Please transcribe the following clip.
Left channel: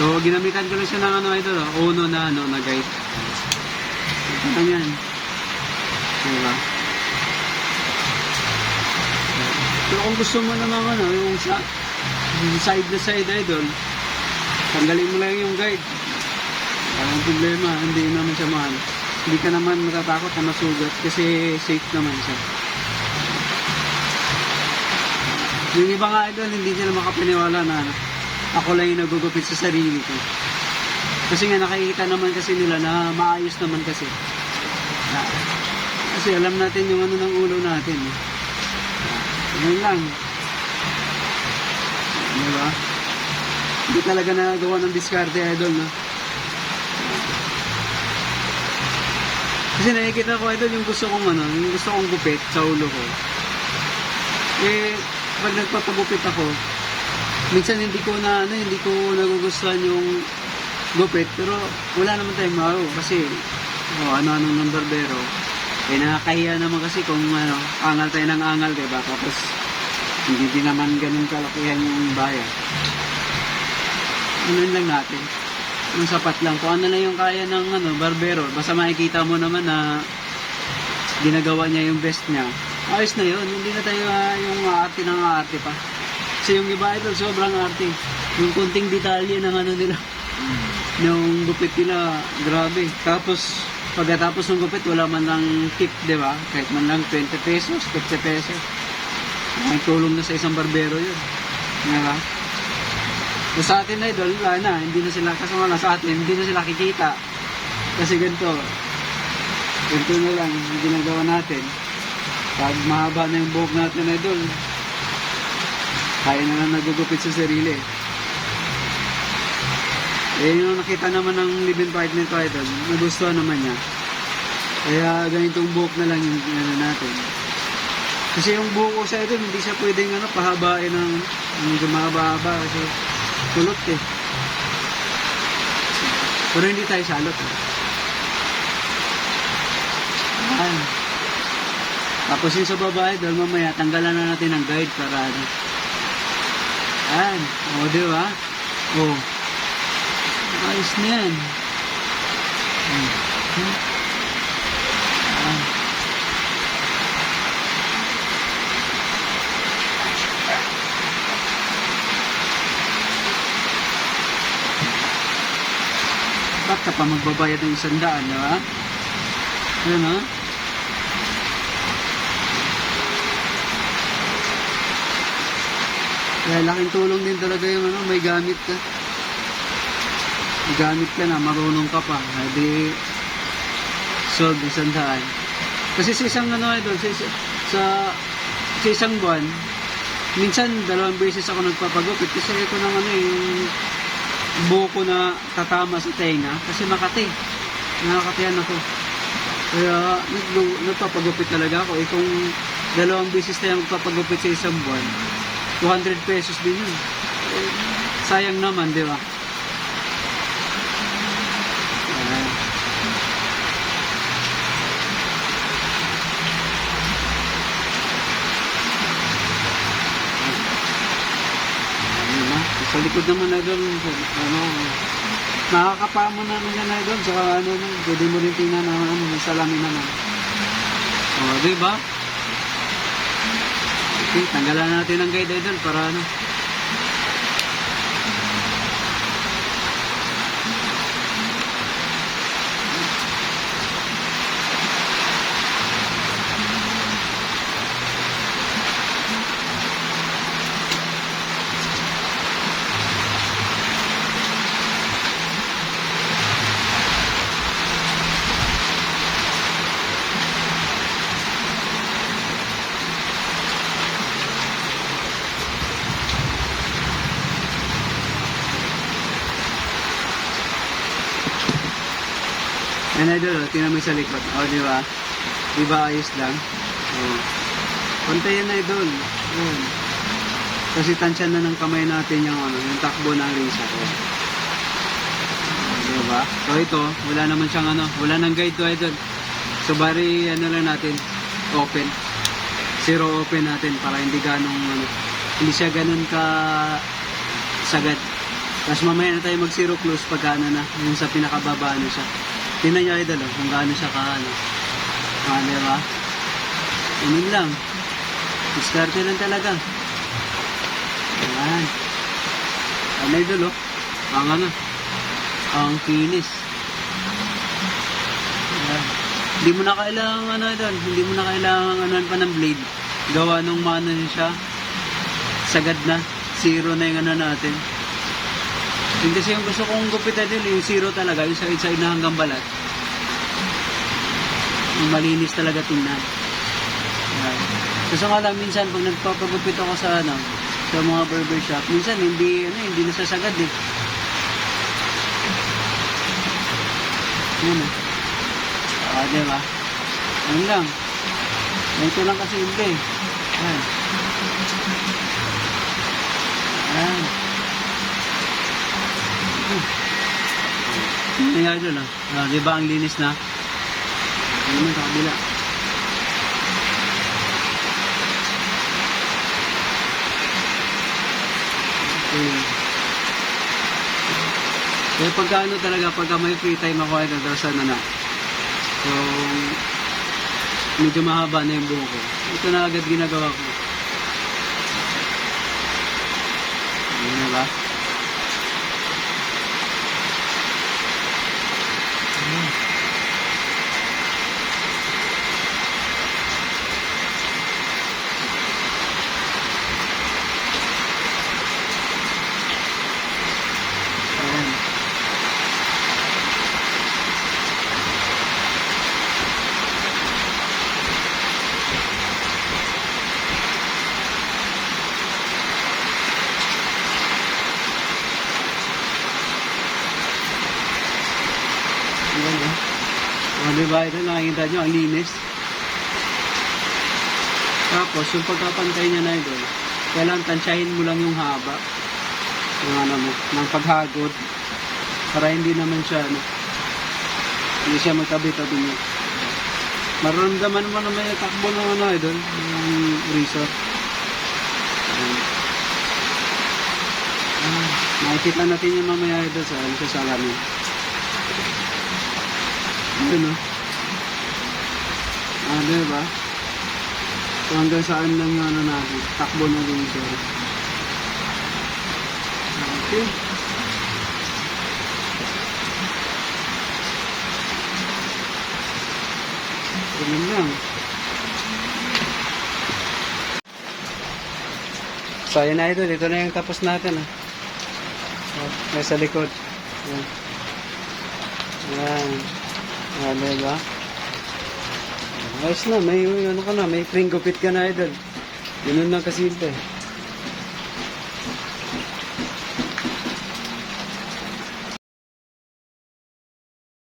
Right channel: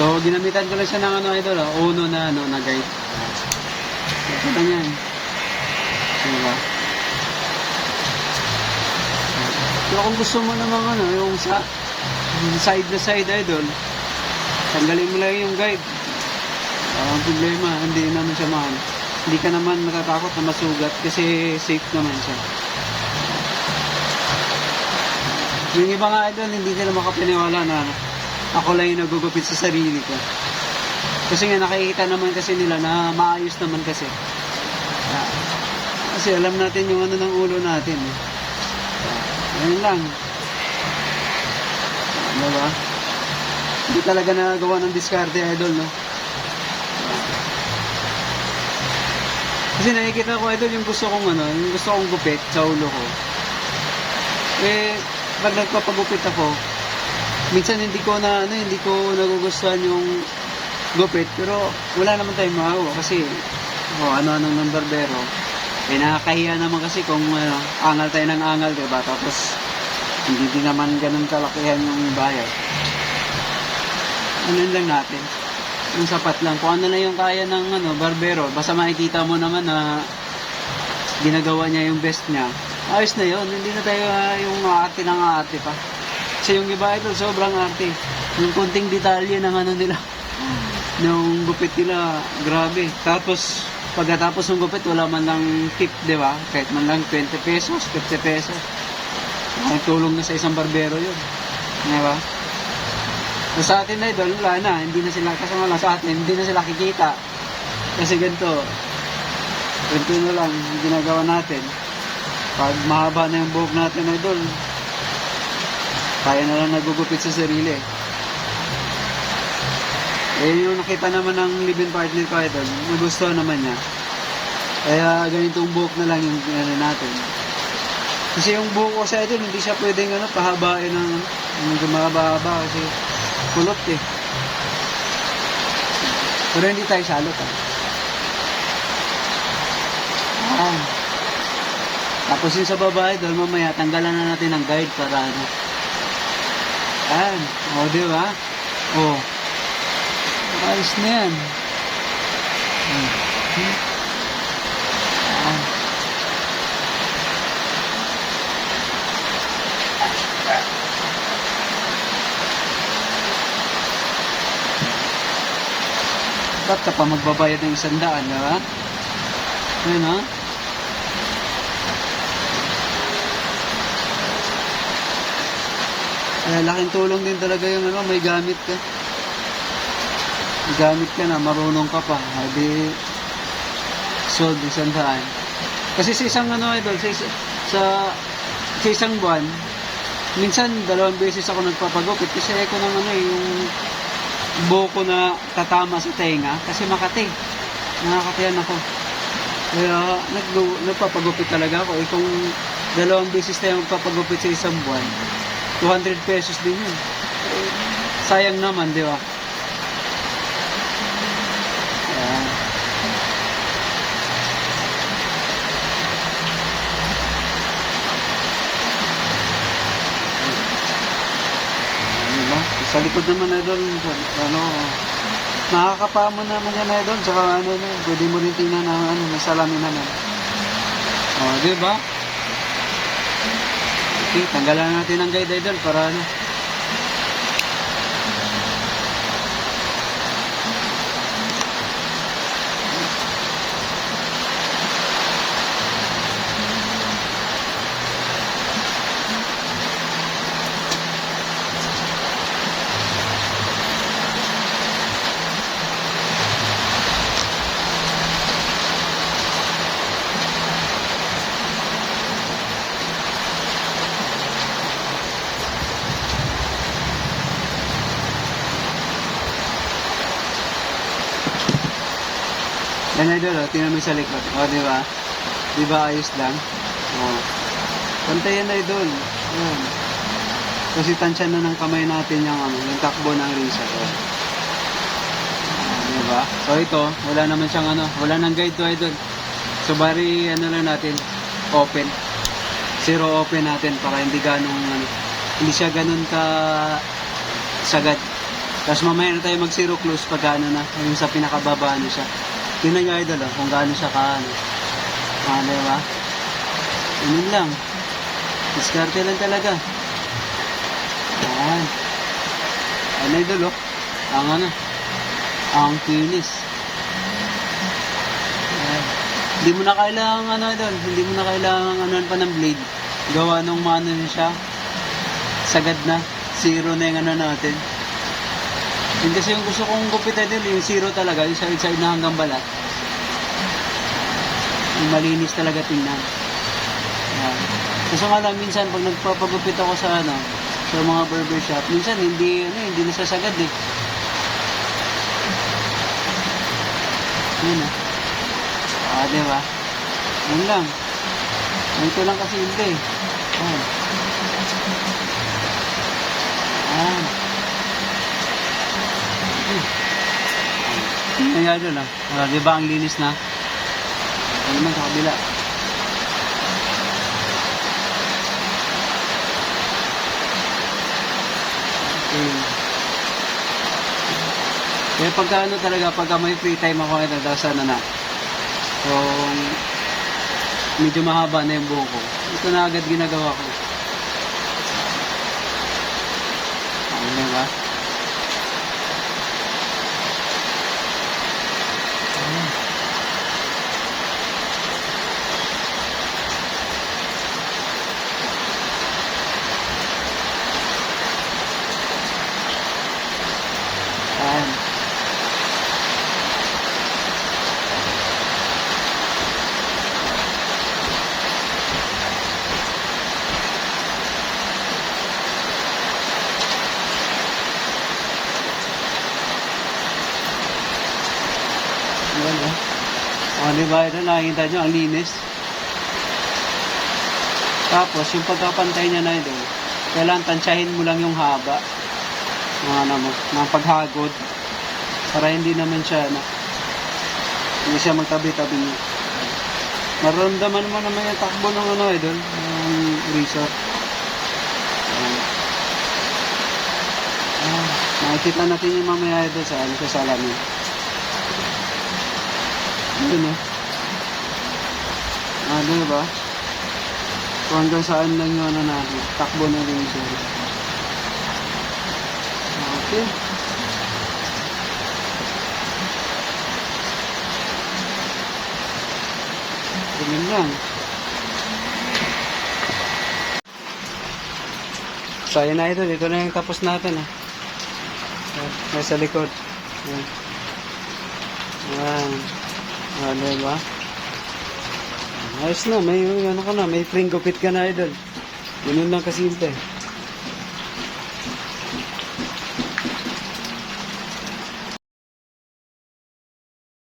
So, ginamitan ko lang siya ng ano idol, Uno na ano, na guide. Ito lang yan. Diba? So, kung gusto mo naman ano, yung side na side idol, tanggalin mo lang yung guide. Walang problema, hindi naman siya mahal. Hindi ka naman natatakot na masugat kasi safe naman siya. Yung iba nga idol, hindi nila makapaniwala na ako lang yung nagugupit sa sarili ko. Kasi nga nakikita naman kasi nila na maayos naman kasi. Kasi alam natin yung ano ng ulo natin. Ngayon lang. Diba? Hindi talaga nagawa ng diskarte idol, no? Kasi nakikita ko idol yung gusto kong ano, yung gusto kong gupit sa ulo ko. Eh, pag nagpapagupit ako, minsan hindi ko nagugustuhan yung gupit, pero wala naman tayong magawa kasi ano-anong ng barbero. Eh, nakakahiya naman kasi kung angal tayo ng angal, diba? Tapos, hindi din naman ganun kalakihan yung bayad. Ano lang natin? Yung sapat lang. Kung ano na yung kaya ng barbero, basta makikita mo naman na ginagawa niya yung best niya. Ayos na yun. Hindi na tayo yung arte ng arte pa. Kasi yung iba ito, sobrang arte. Yung konting detalye ng ano nila. Yung gupit nila, grabe. Tapos, pagkatapos ng gupit, wala man lang tip, di ba? Kahit man lang 20 pesos, 50 pesos. Ay, tulong na sa isang barbero yun. Di ba? So, sa atin na idol, wala na. Hindi na sila, kasama lang sa atin, hindi na sila kikita. Kasi ganito na lang yung ginagawa natin. Pag mahaba na yung buhok natin idol, kaya na lang nagugupit sa sarili. Eh, yung nakita naman ng live-in partner ko idol, nagustuhan naman niya. Kaya ganitong buhok na lang yung natin. Kasi yung buhok ko sa idol, hindi siya pwedeng pahabain ng medyo mahaba-haba kasi kulot eh. Pero hindi tayo salot ah. Tapos yung sa babae, dahil mamaya tanggalan na natin ang guide para ano. Ayan. O, di ba? O. Ayos na yan. Ayan. Ba't ka pa magbabayad ng 100, di ba? Ayan ha? Kaya laking tulong din talaga yung may gamit ka. May gamit ka na, marunong ka pa. Hindi sold 100. Kasi sa isang idol, sa isang buwan, minsan 2 beses ako nagpapagupit kasi ako ng yung buko na tatama sa tenga kasi Makati. Nakakatiyan ako. Kaya nagpapagupit talaga ako. Kung 2 beses tayo magpapagupit sa isang buwan, 200 pesos din yun. Sayang naman, di ba? Ayan. Diba? Sa likod naman na doon, nakakapamo naman yan na doon. Saka pwede mo rin tingnan na salamin naman. Di ba? Okay, tanggalan natin ang guide idol para yan idol, tingnan mo sa likod. Di ba? Di ba ayos lang? Pantay yan idol. Kasi tansya na ng kamay natin yung takbo ng risa. Di ba? So ito, wala naman siyang wala nang guide to idol. So bari lang natin, open. Zero open natin para hindi ganong hindi siya ganun ka sagad. Tapos mamaya na tayo mag zero close pag ano na, yung sa pinakababa na siya. Tingnan nyo idol kung gaano siya ka ano. Diba? Ganun lang. Diskarte lang talaga. Ayan. Ayan idol ang ano. Ang kinis. Ayan. Hindi mo na kailangan ano idol. Hindi mo na kailangan ano pa ng blade. Gawa nung mano niya siya. Sagad na. Zero na yung ano natin. Yun kasi yung gusto kong gupit idol. Yung zero talaga. Yung side-side na hanggang balat. Yung malinis talaga tingnan. Ayan. Kasi nga lang minsan pag nagpapagupit ako sa ano, sa mga barbershop, minsan hindi nasasagad eh. Yan diba? Yan lang. Ito lang kasi hindi. Yan. Yan. Yan nga dyan diba ang linis na? Yan naman sa kabila. Kaya pagka ano talaga, pagka may free time ako ito, tapos ano na, so, medyo mahaba na yung buhok ko. Ito na agad ginagawa ko. Ano na ba? Ayan. Ayan diba ito, nakikita nyo, ang linis. Tapos, yung pagkapantay niya na ito, kailangan tansyahin mo lang yung haba ng paghagod para hindi naman siya hindi siya magtabi-tabi niya. Naramdaman mo naman yung takbo ng idol, ng razor. Makikita natin yung mamaya idol sa salamin. Yun diba? So hanggang saan lang yung natin, takbo ng razor. Okay. Ganun lang. So ayan na idol, ito na yung tapos natin nasa likod. Ayan. Diba? Ayos na, may ano ka na, may frame gupit ka na idol. Ganun lang kasimple.